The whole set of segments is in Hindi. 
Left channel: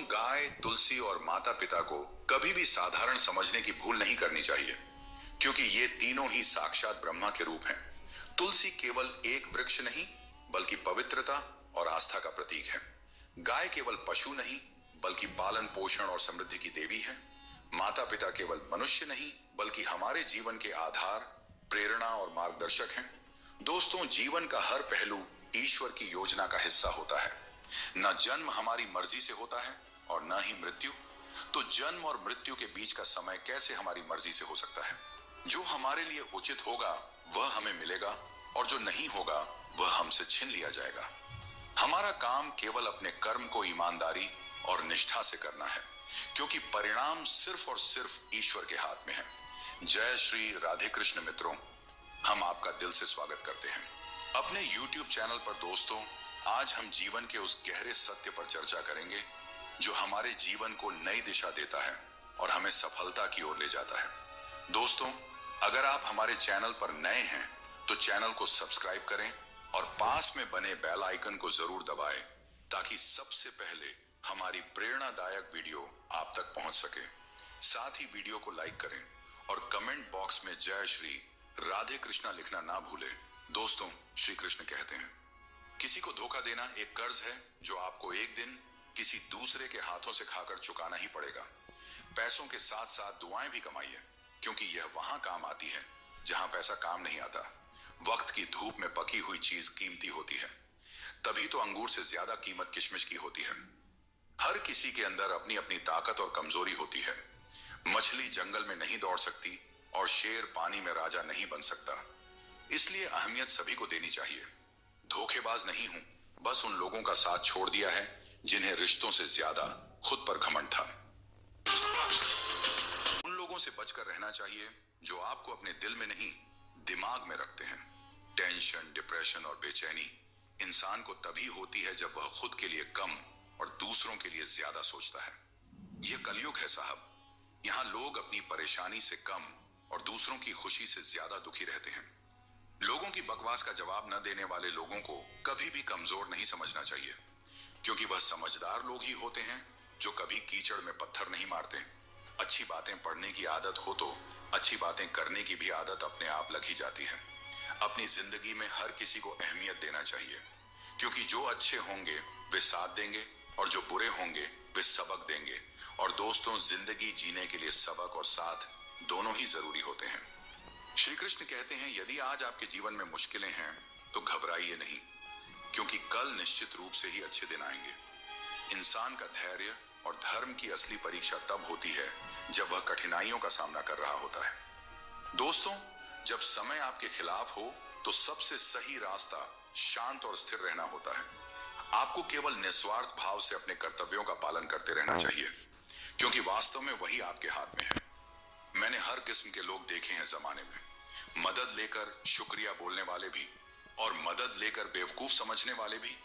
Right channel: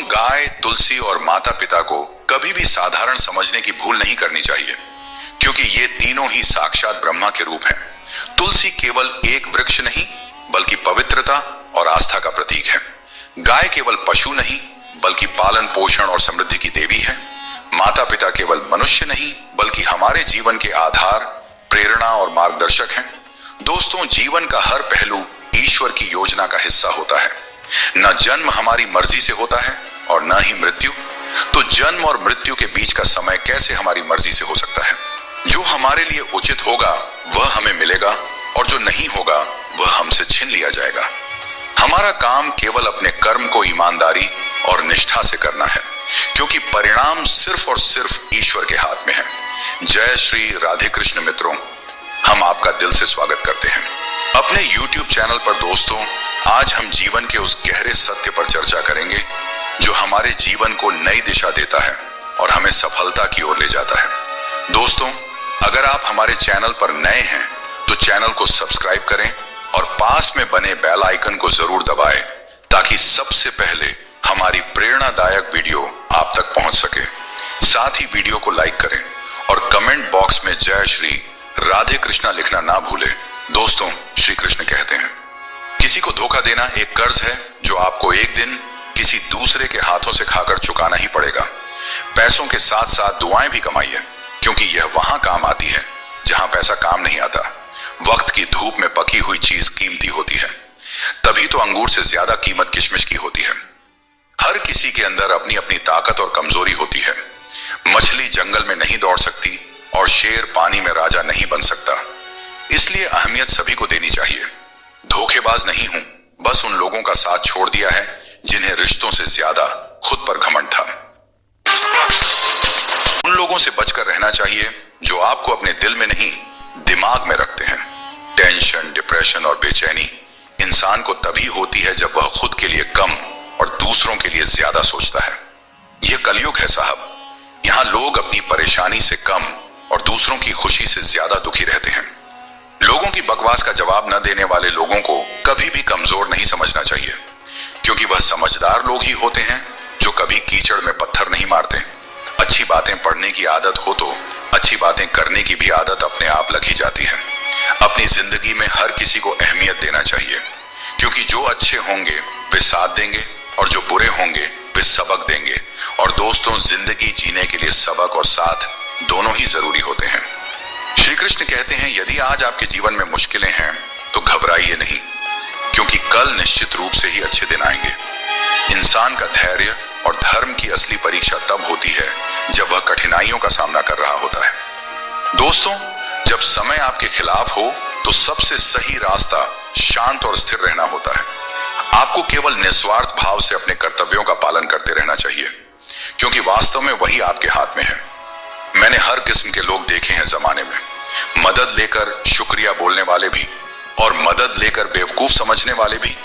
दोस्तों, गाय, तुलसी और माता पिता को कभी भी साधारण समझने की भूल नहीं करनी चाहिए, क्योंकि ये तीनों ही साक्षात ब्रह्मा के रूप हैं। तुलसी केवल एक वृक्ष नहीं, बल्कि पवित्रता और आस्था का प्रतीक है। गाय केवल पशु नहीं, बल्कि पालन पोषण और समृद्धि की देवी है। माता पिता केवल मनुष्य नहीं, बल्कि हमारे जीवन के आधार, प्रेरणा और मार्गदर्शक हैं। दोस्तों, जीवन का हर पहलू ईश्वर की योजना का हिस्सा होता है। न जन्म हमारी मर्जी से होता है और न ही मृत्यु। तो जन्म और मृत्यु के बीच का समय कैसे हमारी मर्जी से हो सकता है? जो हमारे लिए उचित होगा वह हमें मिलेगा, और जो नहीं होगा वह हमसे छीन लिया जाएगा। हमारा काम केवल अपने कर्म को ईमानदारी और निष्ठा से करना है, क्योंकि परिणाम सिर्फ और सिर्फ ईश्वर के हाथ में है। जय श्री राधे कृष्ण मित्रों, हम आपका दिल से स्वागत करते हैं अपने YouTube चैनल पर। दोस्तों, आज हम जीवन के उस गहरे सत्य पर चर्चा करेंगे जो हमारे जीवन को नई दिशा देता है और हमें सफलता की ओर ले जाता है। दोस्तों, अगर आप हमारे चैनल पर नए हैं तो चैनल को सब्सक्राइब करें और पास में बने बेल आइकन को जरूर दबाएं, ताकि सबसे पहले हमारी प्रेरणादायक वीडियो आप तक पहुंच सके। साथ ही वीडियो को लाइक करें और कमेंट बॉक्स में जय श्री राधे कृष्णा लिखना ना भूलें। दोस्तों, श्री कृष्ण कहते हैं, किसी को धोखा देना एक कर्ज है जो आपको एक दिन किसी दूसरे के हाथों से खाकर चुकाना ही पड़ेगा। पैसों के साथ साथ दुआएं भी कमाइए, क्योंकि यह वहां काम आती है जहां पैसा काम नहीं आता। वक्त की धूप में पकी हुई चीज कीमती होती है, तभी तो अंगूर से ज्यादा कीमत किशमिश की होती है। हर किसी के अंदर अपनी अपनी ताकत और कमजोरी होती है। मछली जंगल में नहीं दौड़ सकती और शेर पानी में राजा नहीं बन सकता। इसलिए अहमियत सभी को देनी चाहिए। धोखेबाज नहीं हूं, बस उन लोगों का साथ छोड़ दिया है जिन्हें रिश्तों से ज्यादा खुद पर घमंड था। उन लोगों से बचकर रहना चाहिए जो आपको अपने दिल में नहीं, दिमाग में रखते हैं। टेंशन, डिप्रेशन और बेचैनी इंसान को तभी होती है जब वह खुद के लिए कम और दूसरों के लिए ज्यादा सोचता है। यह कलयुग है साहब। यहां लोग अपनी परेशानी से कम और दूसरों की खुशी से ज्यादा दुखी रहते हैं। लोगों की बकवास का जवाब न देने वाले लोगों को कभी भी कमजोर नहीं समझना चाहिए, क्योंकि वह समझदार लोग ही होते हैं जो कभी कीचड़ में पत्थर नहीं मारते। अच्छी बातें पढ़ने की आदत हो तो अच्छी बातें करने की भी आदत अपने आप लग ही जाती है। अपनी जिंदगी में हर किसी को अहमियत देना चाहिए, क्योंकि जो अच्छे होंगे वे साथ देंगे और जो बुरे होंगे वे सबक देंगे। और दोस्तों, जिंदगी जीने के लिए सबक और साथ दोनों ही जरूरी होते हैं। श्री कृष्ण कहते हैं, यदि आज आपके जीवन में मुश्किलें हैं तो घबराइए नहीं, क्योंकि कल निश्चित रूप से ही अच्छे दिन आएंगे। इंसान का धैर्य और धर्म की असली परीक्षा तब होती है जब वह कठिनाइयों का सामना कर रहा होता है। दोस्तों, जब समय आपके खिलाफ हो तो सबसे सही रास्ता शांत और स्थिर रहना होता है। आपको केवल निस्वार्थ भाव से अपने कर्तव्यों का पालन करते रहना चाहिए, क्योंकि वास्तव में वही आपके हाथ में है। मैंने हर किस्म के लोग देखे हैं जमाने में, मदद लेकर शुक्रिया बोलने वाले भी और मदद लेकर बेवकूफ समझने वाले भी।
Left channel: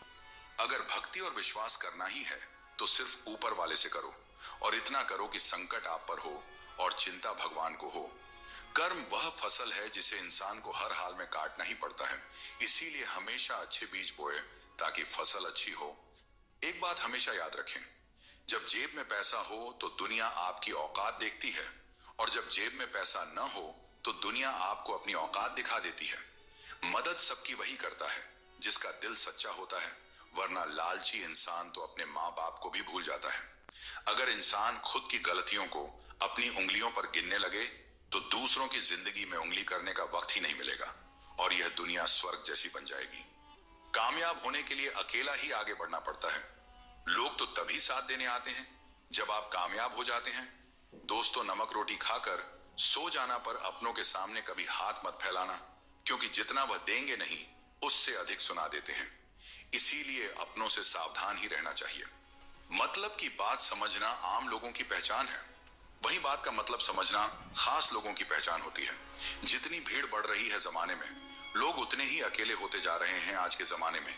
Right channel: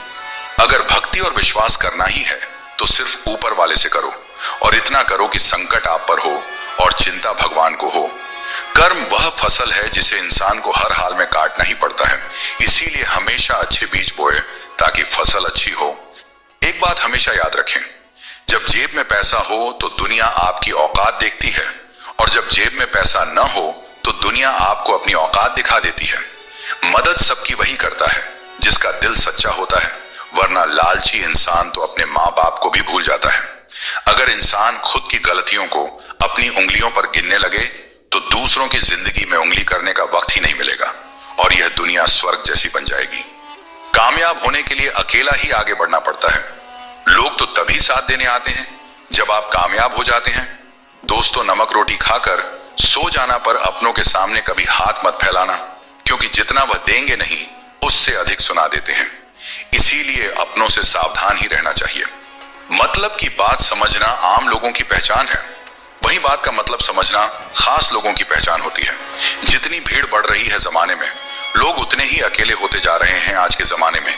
अगर भक्ति और विश्वास करना ही है तो सिर्फ ऊपर वाले से करो, और इतना करो कि संकट आप पर हो और चिंता भगवान को हो। कर्म वह फसल है जिसे इंसान को हर हाल में काटना ही पड़ता है। इसीलिए हमेशा अच्छे बीज बोए ताकि फसल अच्छी हो। एक बात हमेशा याद रखें, जब जेब में पैसा हो तो दुनिया आपकी औकात देखती है, और जब जेब में पैसा न हो तो दुनिया आपको अपनी औकात दिखा देती है। मदद सबकी वही करता है जिसका दिल सच्चा होता है, वरना लालची इंसान तो अपने माँ बाप को भी भूल जाता है। अगर इंसान खुद की गलतियों को अपनी उंगलियों पर गिनने लगे तो दूसरों की जिंदगी में उंगली करने का वक्त ही नहीं मिलेगा, और यह दुनिया स्वर्ग जैसी बन जाएगी। कामयाब होने के लिए अकेला ही आगे बढ़ना पड़ता है। लोग तो तभी साथ देने आते हैं जब आप कामयाब हो जाते हैं। दोस्तों, नमक रोटी खाकर सो जाना पर अपनों के सामने कभी हाथ मत फैलाना, क्योंकि जितना वह देंगे नहीं उससे अधिक सुना देते हैं। इसीलिए अपनों से सावधान ही रहना चाहिए। मतलब की बात समझना आम लोगों की पहचान है, वही बात का मतलब समझना खास लोगों की पहचान होती है। जितनी भीड़ बढ़ रही है जमाने में, लोग उतने ही अकेले होते जा रहे हैं। आज के जमाने में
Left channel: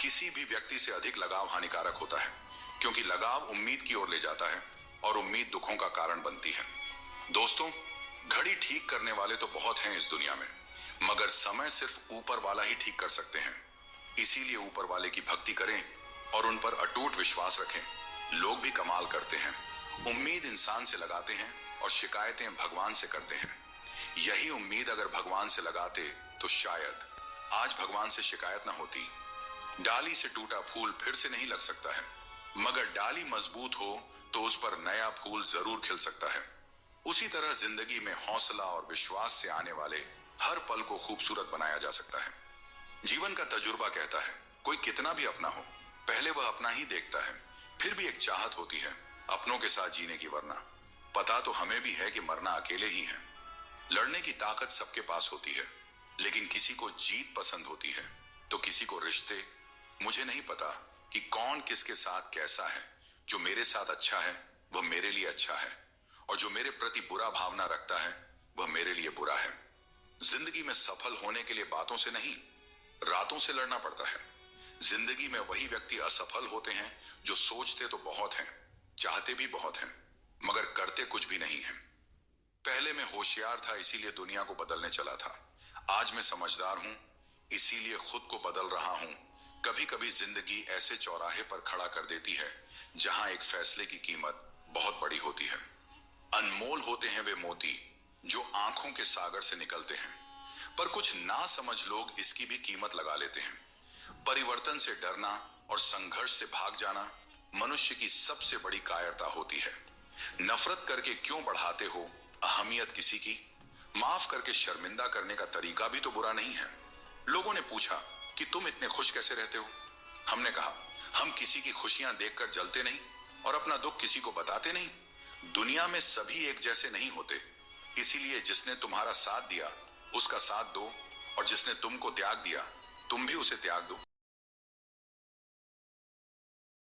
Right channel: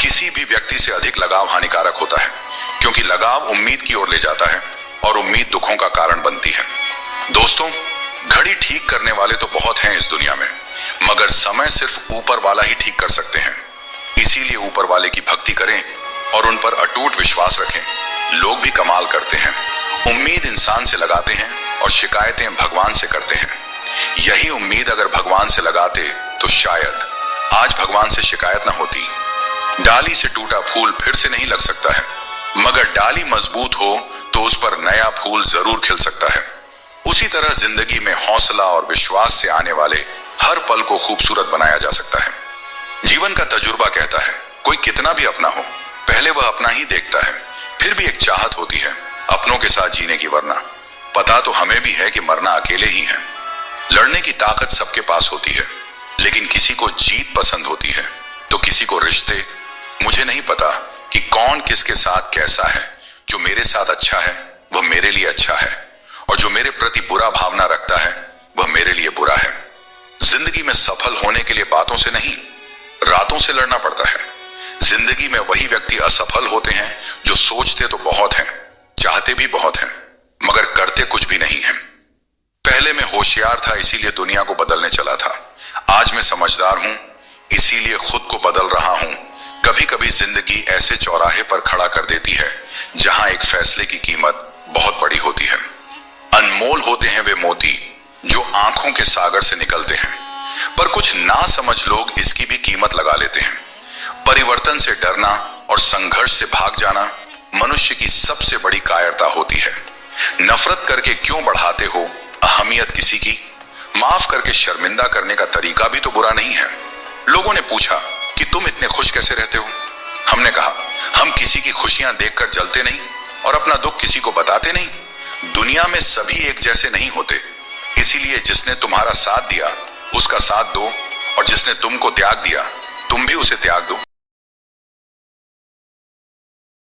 किसी भी व्यक्ति से अधिक लगाव हानिकारक होता है, क्योंकि लगाव उम्मीद की ओर ले जाता है और उम्मीद दुखों का कारण बनती है। दोस्तों, घड़ी ठीक करने वाले तो बहुत हैं इस दुनिया में, मगर समय सिर्फ ऊपर वाला ही ठीक कर सकते हैं। इसीलिए ऊपर वाले की भक्ति करें और उन पर अटूट विश्वास रखें। लोग भी कमाल करते हैं। उम्मीद इंसान से लगाते हैं और शिकायतें भगवान से करते हैं। यही उम्मीद अगर भगवान से लगाते तो शायद आज भगवान से शिकायत ना होती। डाली से टूटा फूल फिर से नहीं लग सकता है, मगर डाली मजबूत हो तो उस पर नया फूल जरूर खिल सकता है। उसी तरह जिंदगी में हौसला और विश्वास से आने वाले हर पल को खूबसूरत बनाया जा सकता है। जीवन का तजुर्बा कहता है, कोई कितना भी अपना हो, पहले वह अपना ही देखता है। फिर भी एक चाहत होती है अपनों के साथ जीने की, वरना पता तो हमें भी है कि मरना अकेले ही है। लड़ने की ताकत सबके पास होती है, लेकिन किसी को जीत पसंद होती है तो किसी को रिश्ते। मुझे नहीं पता कि कौन किसके साथ कैसा है। जो मेरे साथ अच्छा है वह मेरे लिए अच्छा है, और जो मेरे प्रति बुरा भावना रखता है वह मेरे लिए बुरा है। जिंदगी में सफल होने के लिए बातों से नहीं, रातों से लड़ना पड़ता है। जिंदगी में वही व्यक्ति असफल होते हैं जो सोचते तो बहुत हैं, चाहते भी बहुत हैं, मगर करते कुछ भी नहीं है। पहले मैं होशियार था इसीलिए दुनिया को बदलने चला था। आज मैं समझदार हूं इसीलिए खुद को बदल रहा हूं। कभी कभी जिंदगी ऐसे चौराहे पर खड़ा कर देती है जहां एक फैसले की कीमत बहुत बड़ी होती है। अनमोल होते हैं वे मोती जो आंखों के सागर से निकलते हैं, पर कुछ ना समझ लोग इसकी भी कीमत लगा लेते हैं। परिवर्तन से डरना और संघर्ष से भाग जाना मनुष्य की सबसे बड़ी कायरता होती है। नफरत करके क्यों बढ़ाते हो अहमियत किसी की? माफ करके शर्मिंदा करने का तरीका भी तो बुरा नहीं है। लोगों ने पूछा कि तुम इतने खुश कैसे रहते हो? हमने कहा, हम किसी की खुशियां देखकर जलते नहीं और अपना दुख किसी को बताते नहीं। दुनिया में सभी एक जैसे नहीं होते, इसीलिए जिसने तुम्हारा साथ दिया उसका साथ दो, और जिसने तुमको त्याग दिया तुम भी उसे त्याग दो।